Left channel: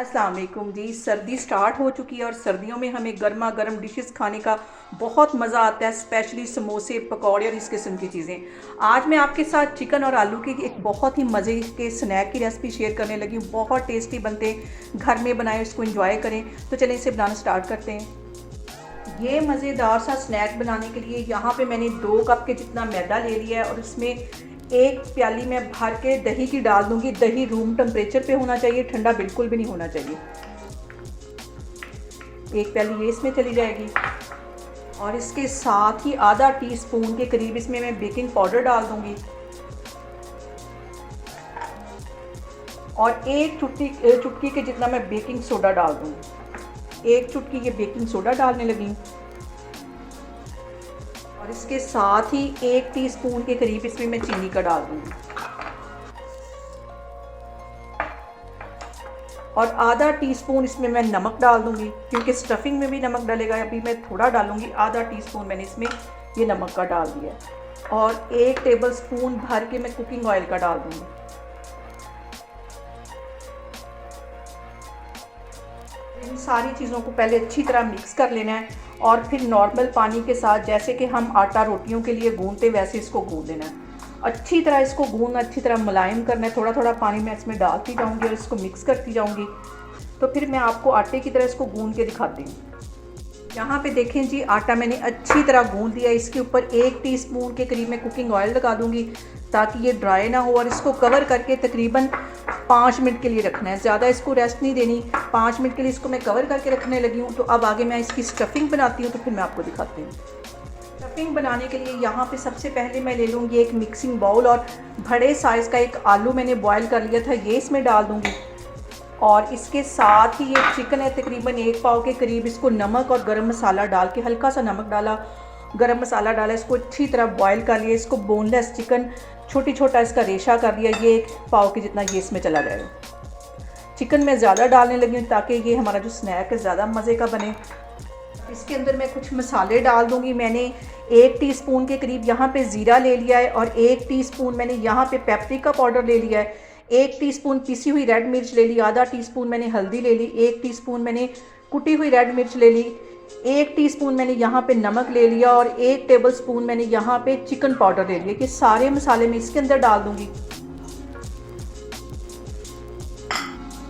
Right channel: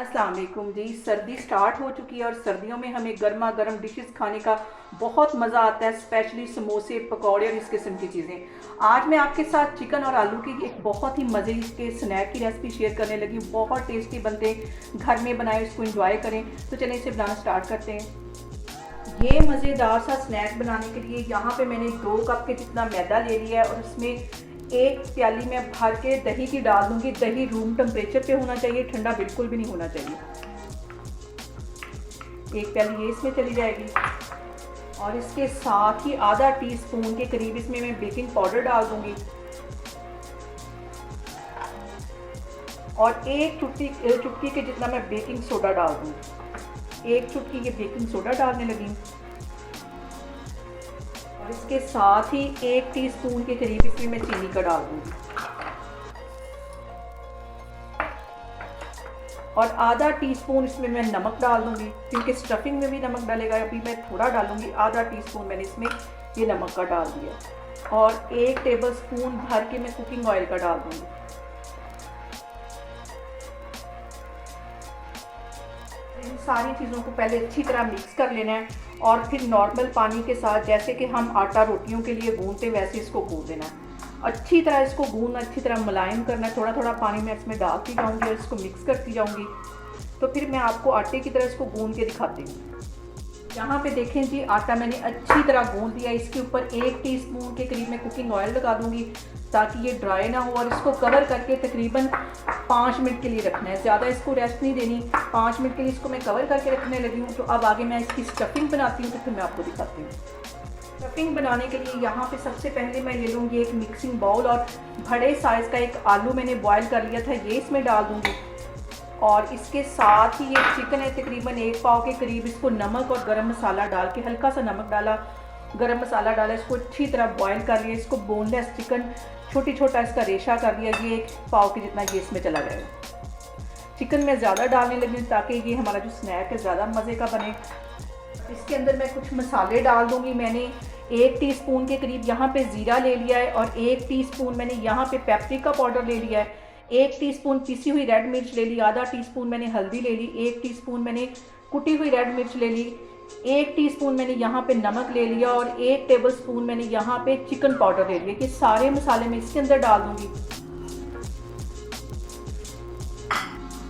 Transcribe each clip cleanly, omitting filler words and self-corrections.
अस्सलाम वालेकुम जी। सर्दी स्टार्ट हो चुकी है और सर्दियों में हमें गर्मा गर्म डिशेस खाने का बहुत मज़ा आता है, स्पेशली समोसे, पकौड़े और इस किस्म की चीज़ें। आज मैं आपके साथ चिकन और आलू की एक बहुत ही मज़े के स्नैक की रेसिपी शेयर करने लगी हूँ। बहुत टेस्टी बनते, घर में बनाएं, उसको एंजॉय करें। तो चलिए इसे बनाना स्टार्ट करते हैं। ये मज़ेदार सा स्नैक बनाने के लिए यहाँ पे मैंने 2 कप के जितना मैदा ले लिया है और इसमें एक प्याली में भर के दही की डाल दूंगी। दही रूम टेम्परेचर पे होना चाहिए, ठंडा बिल्कुल भी नहीं होना चाहिए। एक प्याली ये इसमें चली जाएगी और इसके साथ ही आधा टीस्पून के करीब इसमें मैं बेकिंग पाउडर डाल दूंगी और एक चुटकी के जितना मैं बेकिंग सोडा डाल दूंगी। एक चुटकी ये बेकिंग सोडा डालने लगी और इसके साथ ही 1 टीस्पून के करीब इसमें मैं चीनी का डाल दूंगी और आधा टीस्पून इसमें मैं नमक डाल दूंगी, क्योंकि स्टफिंग में भी नमक डालेगा। अभी मैं थोड़ा डालूंगी, आधा टीस्पून मैंने इसमें ये नमक का डाल दिया और 1 टेबलस्पून भर के मैं कुकिंग ऑयल का डाल दूंगी। इन सारी चीज़ों को पहले अच्छी तरह मिक्स कर लेना है और फिर नॉर्मल पानी के साथ, जैसे कि हम आटा रोटियों के लिए गूंदते वैसे इसको गूंद लेना है। अच्छी तरह इसको गूंद, अच्छी तरह मुलायम करना है। थोड़ा थोड़ा पानी मैं इसमें डालती जाऊंगी और इसको मिक्स करती जाऊंगी। तो फिर मैं आपको आटे की तरह इसको गूंद के दिखाती हूँ। यहाँ पे देखें जी, आटा मैंने अच्छी तरह गूंद दिया। इसके ऊपर 1 टीस्पून के करीब मैं कुकिंग ऑयल लगा दूंगी ताकि ये ड्राई ना हो और इसको कवर करके तकरीबन 5 मिनट के लिए रखना है। ज़्यादा इसको रेस्ट नहीं देनी। 5 मिनट के लिए इसको मैं कवर करके रखने लगी हूँ। तो अब आगे मैं इसकी स्टफिंग बनाती हूँ, तो फिर मैं आपको दिखाती हूँ। स्टफिंग बनाने के लिए यहाँ पे सबसे पहले मैं ले लूँगी एक मिक्सिंग बाउल और बड़े साइज़ का एक आलू मैंने बॉयल कर लिया था, ये इसमें डाल दूँगी और इसके साथ ही ये चिकन है तकरीबन 1 पाव के करीब। इसको नमक और गरम मसाला डाल के, हल्का सा नमक डाला, गरम मसाला डाला, इसको अच्छी तरह बॉयल कर लिया। इसको बोनलेस चिकन छोटा इसका रेशा कर लिया। ये 1 पाव के जितना ये इसमें चला जाएगा। चिकन मैं ज़्यादा डालने लगी हूँ ताकि ये हमारा जो स्नैक है ज़्यादा मज़े का बने। इसके अंदर मैं कुछ मसाले डाल दूँगी। मैंने 1 टीस्पून के करीब यहाँ पे ज़ीरा ले लिया है और 1 टीस्पून मैंने यहाँ पे पेपरिका पाउडर ले लिया है। 1 टीस्पून पिसी हुई रेड मिर्च ले ली, आधा टीस्पून मैंने हल्दी ले ली, 1 टीस्पून मैंने कुटी हुई रेड मिर्च ले ली, 1 टीस्पून मैंने यहाँ पे नमक ले लिया और 1 टेबलस्पून मैंने यहाँ पे चिकन पाउडर ले लिया। ये सारे मसाले मैं इसके अंदर डाल दूँगी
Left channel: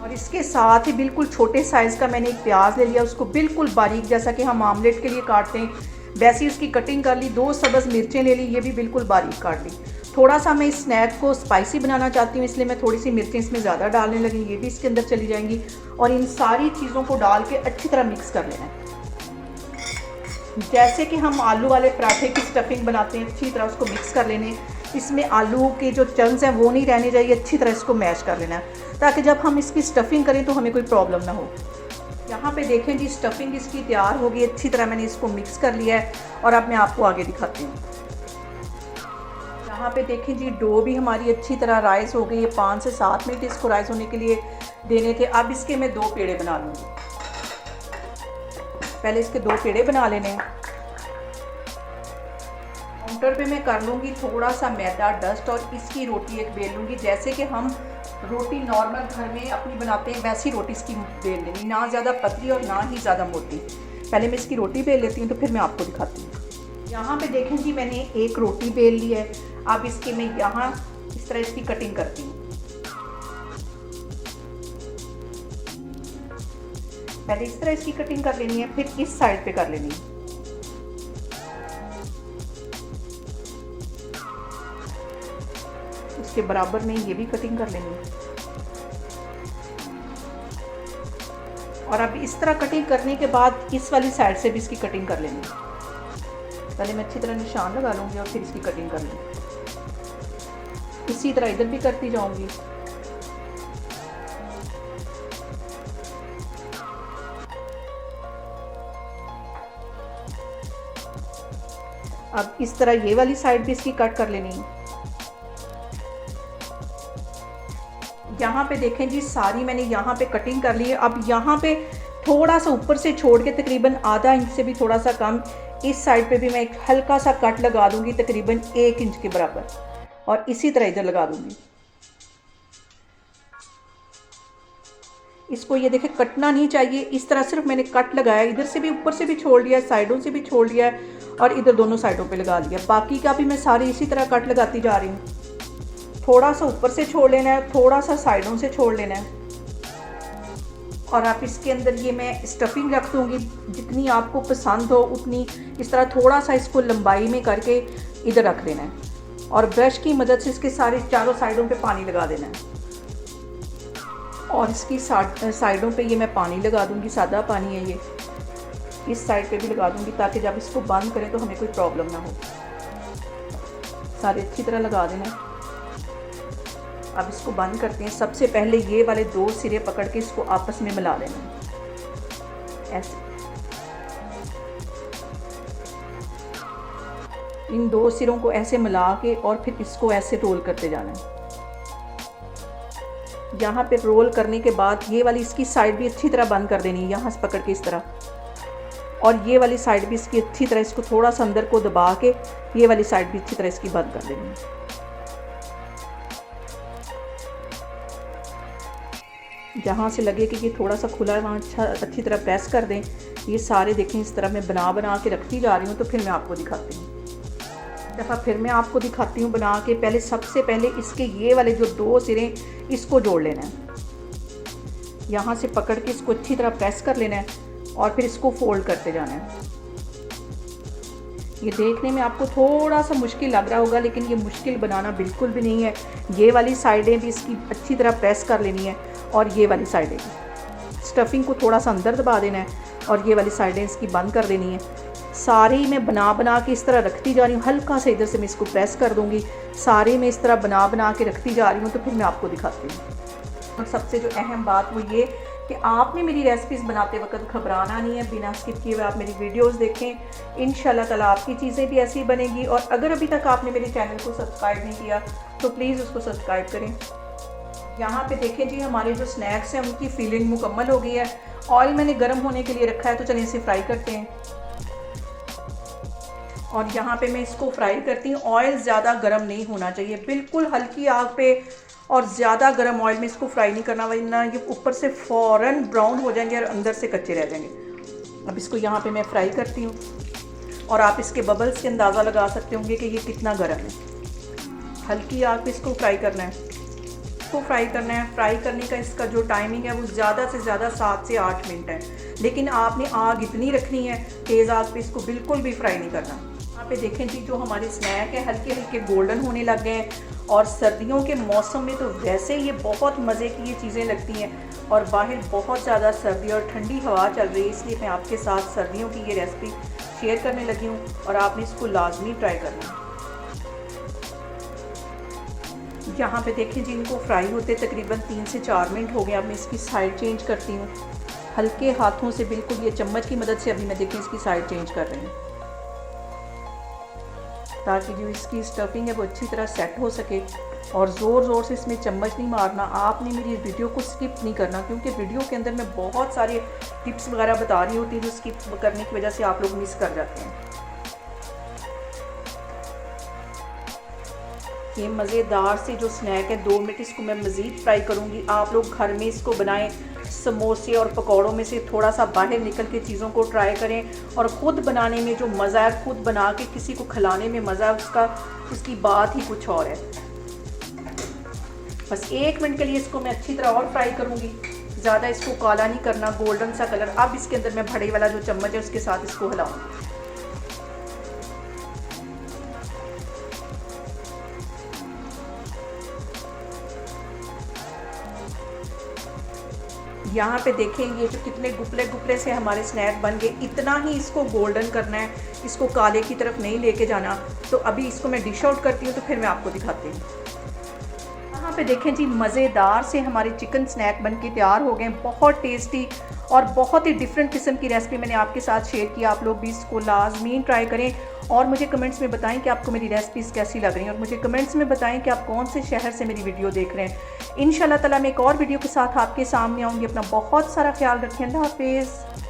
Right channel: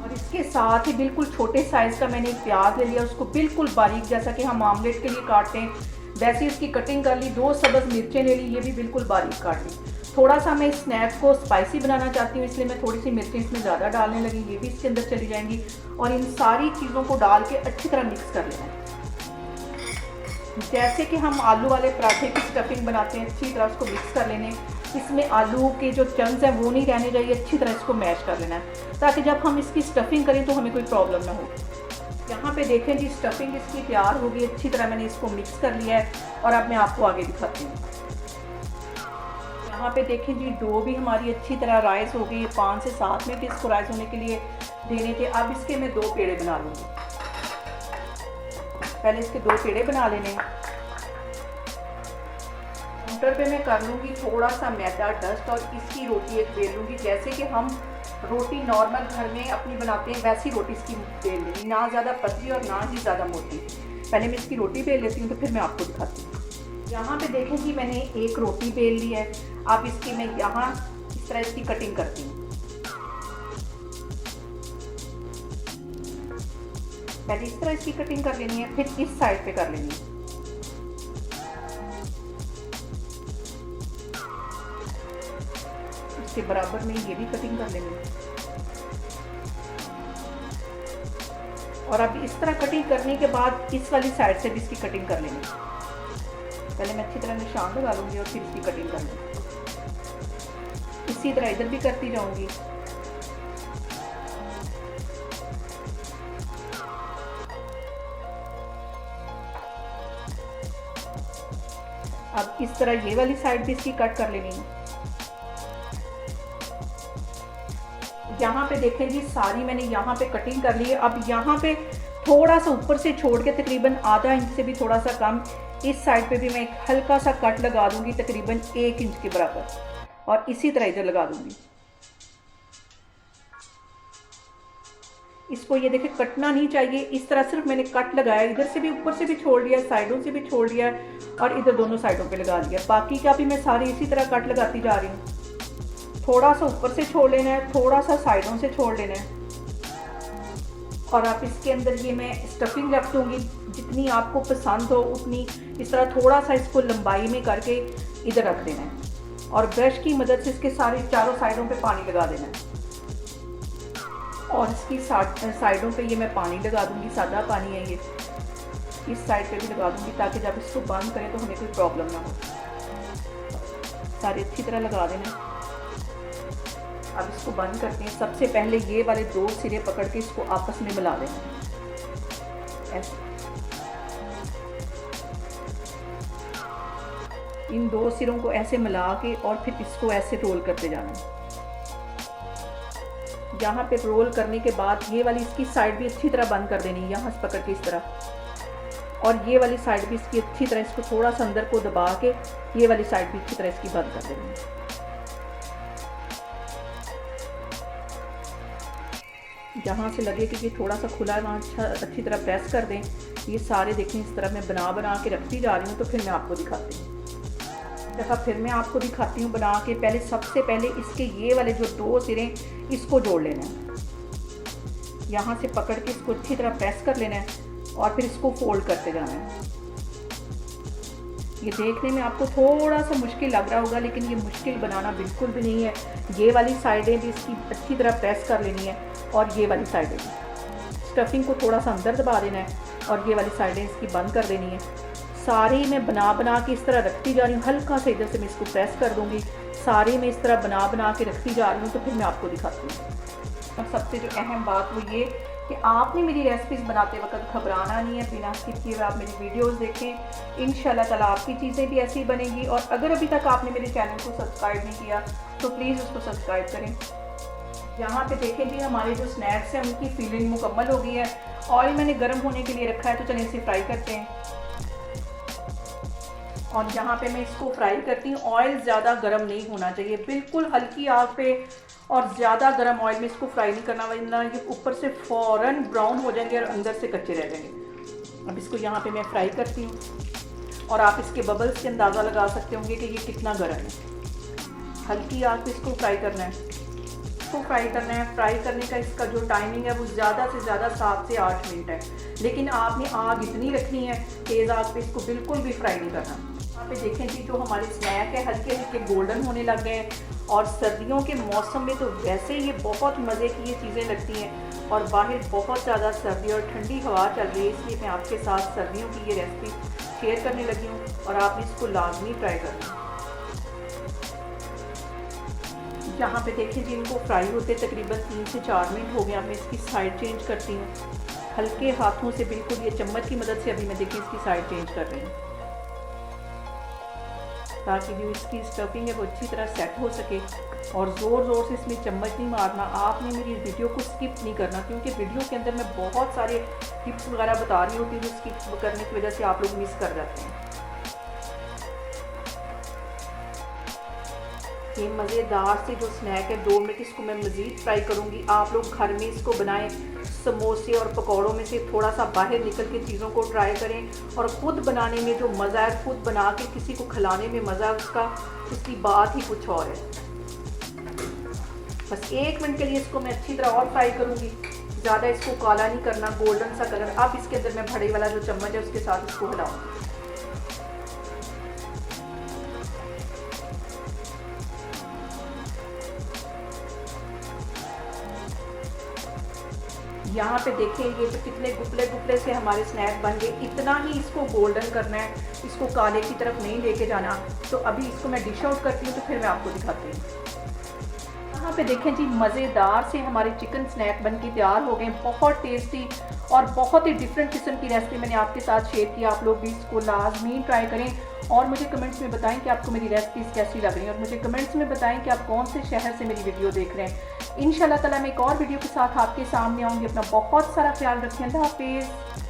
और इसके साथ ही बिल्कुल छोटे साइज़ का मैंने एक प्याज ले लिया। उसको बिल्कुल बारीक, जैसा कि हम आमलेट के लिए काटते हैं वैसे उसकी कटिंग कर ली। 2 सब्ज़ मिर्चें ले ली, ये भी बिल्कुल बारीक काट ली। थोड़ा सा मैं इस स्नैक को स्पाइसी बनाना चाहती हूँ, इसलिए मैं थोड़ी सी मिर्चें इसमें ज़्यादा डालने लगी। ये भी इसके अंदर चली जाएंगी और इन सारी चीज़ों को डाल के अच्छी तरह मिक्स कर लेना है। जैसे कि हम आलू वाले पराठे की स्टफिंग बनाते हैं, अच्छी तरह उसको मिक्स कर लेने। इसमें आलू के जो चंक्स हैं वो नहीं रहने चाहिए। अच्छी तरह इसको मैश कर लेना है ताकि जब हम इसकी स्टफिंग करें तो हमें कोई प्रॉब्लम ना हो। यहाँ पे देखें जी, स्टफिंग इसकी तैयार होगी। अच्छी तरह मैंने इसको मिक्स कर लिया है और अब मैं आपको आगे दिखाती हूँ। यहाँ पे देखें जी, डो भी हमारी अच्छी तरह राइस हो गई है। 5 से 7 मिनट इसको राइस होने के लिए देने थे। अब इसके मैं 2 पेड़े बना लूँगी। पहले इसके 2 पेड़े बना लेने। काउंटर पे मैं कर लूँगी थोड़ा सा मैदा डस्ट और इसकी रोटी एक बेल लूँगी। जैसे कि हम रोटी नॉर्मल घर में अपनी बनाते हैं वैसी रोटी इसकी बेल लेनी, ना ज़्यादा पतली और ना ही ज़्यादा मोटी। पहले मैं इसकी रोटी बेल लेती हूँ तो फिर मैं आपको दिखाती हूँ। यहाँ पे देखें जी, मैंने एक रोटी बेल ली है। अब इसकी मैं यहाँ इस तरह इसकी कटिंग करती हूँ। पहले इस तरह इसकी कटिंग कर लेनी है, फिर इस साइड पे कर लेनी है। इसके बराबर में ये भी कटिंग कर लेनी है और अब इस तरह कटिंग करने के बाद इस वाली साइड से भी इसकी कटिंग कर लेनी है। पहले मैं अच्छी तरह निशान लगा लूँगी और फिर इसकी कटिंग कर लूँगी। इसी तरह इधर भी करती जाऊँगी। अब इस तरह ये वाली साइड भी इसकी कट कर लेनी है। यहाँ पे देखें जी, सारी मैंने यहाँ पे कटिंग कर ली है। अब यहाँ पे थोड़ा सा ऊपर से छोड़ के तकरीबन आधा इंच से भी थोड़ा सा कम इस साइड पे भी मैं एक हल्का सा कट लगा दूंगी, तकरीबन 1 इंच के बराबर, और इसी तरह इधर लगा दूंगी। इसको ये देखें कटना नहीं चाहिए, इस तरह सिर्फ मैंने कट लगाया, इधर से भी ऊपर से भी छोड़ दिया, साइडों से भी छोड़ दिया और इधर दोनों साइडों पे लगा दिया। बाकी का भी मैं सारी इसी तरह कट लगाती जा रही हूँ। थोड़ा सा ऊपर से छोड़ लेना है, थोड़ा सा साइडों से छोड़ लेना है। और आप इसके अंदर ये मैं स्टफिंग रख दूँगी जितनी आपको पसंद हो उतनी। इस तरह थोड़ा सा इसको लंबाई में करके इधर रख देना है और ब्रश की मदद से इसके सारे चारों साइडों पे पानी लगा देना है। और इसकी साइडों पे ये मैं पानी लगा दूँगी, सादा पानी है ये, इस साइड पे भी लगा दूँगी ताकि जब इसको बंद करें तो हमें कोई प्रॉब्लम ना हो। सारे अच्छी तरह लगा देना। अब इसको बंद करते हैं। सबसे पहले ये वाले 2 सिरे पकड़ के इसको आपस में मिला देना है ऐसे। इन 2 सिरों को ऐसे मिला के और फिर इसको ऐसे रोल करते जाना है। यहाँ पे रोल करने के बाद ये वाली इसकी साइड भी अच्छी तरह बंद कर देनी है, यहाँ से पकड़ के इस तरह। और ये वाली साइड भी इसकी अच्छी तरह, इसको थोड़ा सा अंदर को दबा के ये वाली साइड भी अच्छी तरह इसकी बंद कर देनी है। जहाँ से लगे कि ये थोड़ा सा खुला है वहाँ अच्छी तरह प्रेस कर दें। ये सारे देखें इस तरह मैं बना के रखती जा रही हूँ। तो फिर मैं आपको दिखाती हूँ, दफ़ा फिर मैं आपको दिखाती हूँ बना के। पहले सबसे पहले इसके ये वाले जो 2 सिरे इसको जोड़ लेना है, यहाँ से पकड़ के इसको अच्छी तरह प्रेस कर लेना है और फिर इसको फोल्ड करते जाना है। ये देखने में आपको थोड़ा सा मुश्किल लग रहा होगा लेकिन ये मुश्किल बनाना बिल्कुल भी नहीं है। ये वाली साइडें भी इसकी अच्छी तरह प्रेस कर लेनी है और ये वाली साइडें भी। स्टफिंग को थोड़ा सा अंदर दबा देना है और ये वाली साइडें इसकी बंद कर देनी है। सारी मैं बना के इस तरह रखती जा रही हूँ। हल्का से इधर से मैं इसको प्रेस कर दूँगी। सारी मैं इस तरह बना के रखती जा रही हूँ। तो फिर मैं आपको दिखाती हूँ। और सबसे जो अहम बात वो ये कि आपने मेरी रेसिपीज़ बनाते वक्त घबराना नहीं है। बिना स्किप किए हुए आप मेरी वीडियोस देखें, इंशाल्लाह ताला आपकी चीज़ें भी ऐसी बनेगी। और अगर अभी तक आपने मेरे चैनल को सब्सक्राइब नहीं किया तो प्लीज़ उसको सब्सक्राइब करें। यहाँ पे देखें जी, हमारे जो स्नैक्स हैं उनकी फिलिंग मुकम्मल हो गई है। ऑयल मैंने गर्म होने के लिए रखा है, तो चलिए इसे फ्राई करते हैं। और यहाँ पे मैं इसको फ्राई करती हूँ। ऑयल ज़्यादा गर्म नहीं होना चाहिए, बिल्कुल हल्की आग पे, और ज़्यादा गर्म ऑयल में इसको फ्राई नहीं करना वरना ये ऊपर से फ़ौरन ब्राउन हो जाएंगे और अंदर से कच्चे रह जाएंगे। अब इसको यहाँ पे मैं फ्राई करती हूँ और आप इसके बबल्स के अंदाज़ा लगा सकते होंगे कि ये कितना गर्म है। हल्की आग पे इसको फ्राई करना है। फ्राई करने का इसका जो टाइमिंग है वो ज़्यादा से ज़्यादा 7 से 8 मिनट है, लेकिन आपने आग इतनी रखनी है तेज़ आग पे, इसको बिल्कुल भी फ्राई नहीं करना। यहाँ पे देखें जी, जो हमारे स्नैक है हल्के हल्के गोल्डन होने लग गए हैं। और सर्दियों के मौसम में तो वैसे ये बहुत मज़े की ये चीज़ें लगती हैं और बाहर बहुत ज़्यादा सर्दी और ठंडी हवा चल रही है, इसलिए मैं आपके साथ सर्दियों की ये रेसिपी शेयर करने लगी हूँ और आपने इसको लाजमी ट्राई करना। यहाँ पे देखें जी, इनको फ्राई होते तकरीबन 3 से 4 मिनट हो गए। अब मैं इसकी साइड चेंज करती हूँ हल्के हाथों से, बिल्कुल ये चम्मच की मदद से। अभी मैं देखें इसकी साइड चेंज कर रही हूँ ताकि जो इसकी स्टफिंग है वो अच्छी तरह सेट हो सके। और ज़ोर से इसमें चम्मच नहीं मारना। आपने मेरी वीडियो को स्किप नहीं करना, क्योंकि वीडियो के अंदर मैं बहुत सारे टिप्स वगैरह बता रही होती हूँ जो स्किप करने की वजह से आप लोग मिस कर जाते हैं। ये मज़ेदार से जो स्नैक है 2 मिनट इसको मैं मज़ीद फ्राई करूँगी। आप लोग घर में इसको बनाएं, समोसे और पकौड़ों में से थोड़ा सा बाहर निकल के चीज़ों को ट्राई करें। और ख़ुद बनाने में जो मज़ा है, ख़ुद बना के किसी को खिलाने में मज़ा है, उसकी बात ही कुछ और है। बस 1 मिनट के लिए इसको मैं अच्छी तरह और फ्राई करूँगी। ज़्यादा इसको काला नहीं करना, गोल्डन सा कलर। अब इसके अंदर मैं बड़े वाला जो चम्मच है उसके साथ इसको हिलाऊँगी। यहाँ पे देखेंगे तो कितने गुपले से हमारे स्नैक बन गए। इतना ही इसको गोल्डन करना है, इसको काले की तरफ नहीं लेके जाना। तो अभी इसको मैं डिश आउट करती हूँ तो फिर मैं आपको दिखाती हूँ। यहाँ पे देखें जी, मज़ेदार से हमारे चिकन स्नैक बन के तैयार हो गए। बहुत टेस्टी और बहुत ही डिफरेंट किस्म की रेसिपी मैंने आपके साथ शेयर की। आप लोग भी इसको लाजमी ट्राई करें और मुझे कमेंट्स में बताएं कि आपको मेरी रेसिपीज़ कैसी लग रही हैं। और मुझे कमेंट्स में बताएं कि आप कौन से शहर से मेरी वीडियो देख रहे हैं। इंशाल्लाह ताला मैं एक और वीडियो के साथ आपके सामने आऊँगी। अपना बहुत सारा ख्याल रखें। अल्लाह हाफिज़।